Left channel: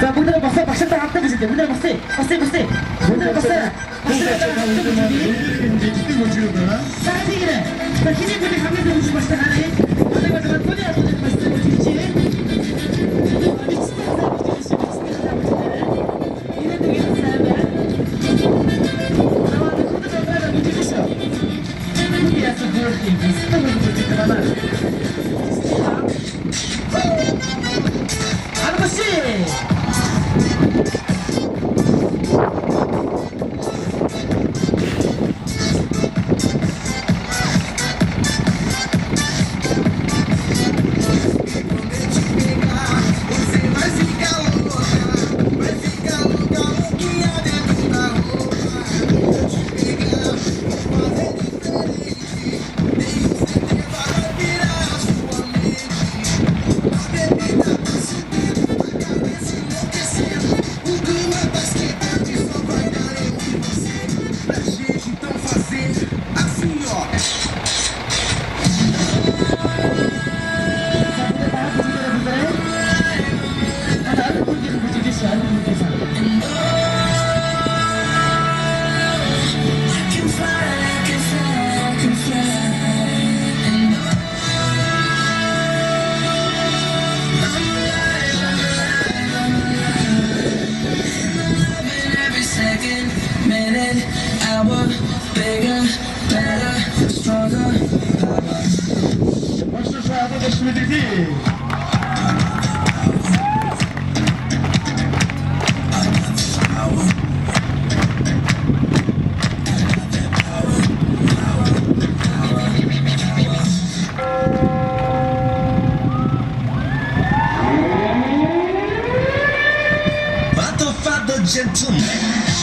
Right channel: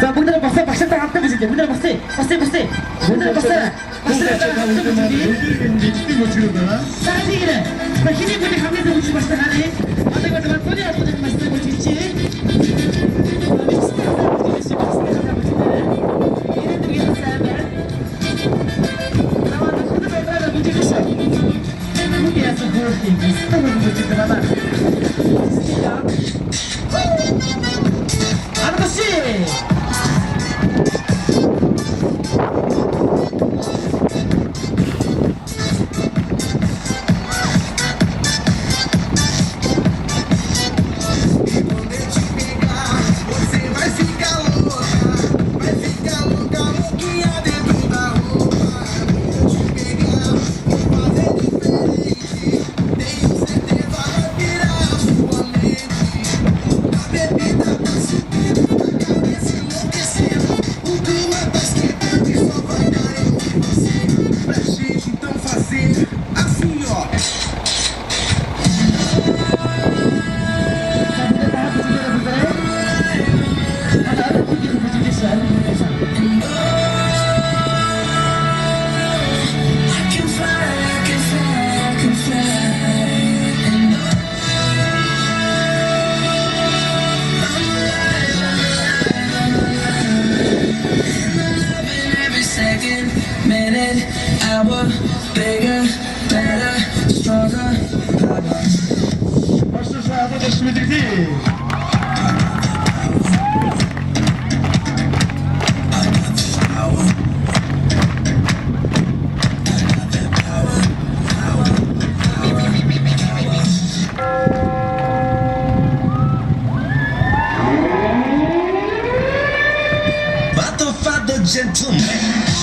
자, 문을 벗어. 박신당 앞에 보실게요. 문을 벗어. 벗어. 문을 벗어. 박신당 앞에 보실게요. 싸지기는 자, 힘이 분이 가면서 오지 마시다 하네. 아들과 돈이야 돈을 마시다 보실지. 믹스테이크다 보실지. 이런 동에서 싸면 나와도 코드가 나를 못 찍으셔. 무대에서 그렇게 스타일을 못 찍더만. 아저씨! Então fazer assim, ó. 자, 무대 다 보시죠, 여러분들. 하나, 웃기는 보시겠어요, 무대에서. Second, minute, hour, bigger, better, stronger, power. Başta sırada da sürdürdü. But the father gentleman.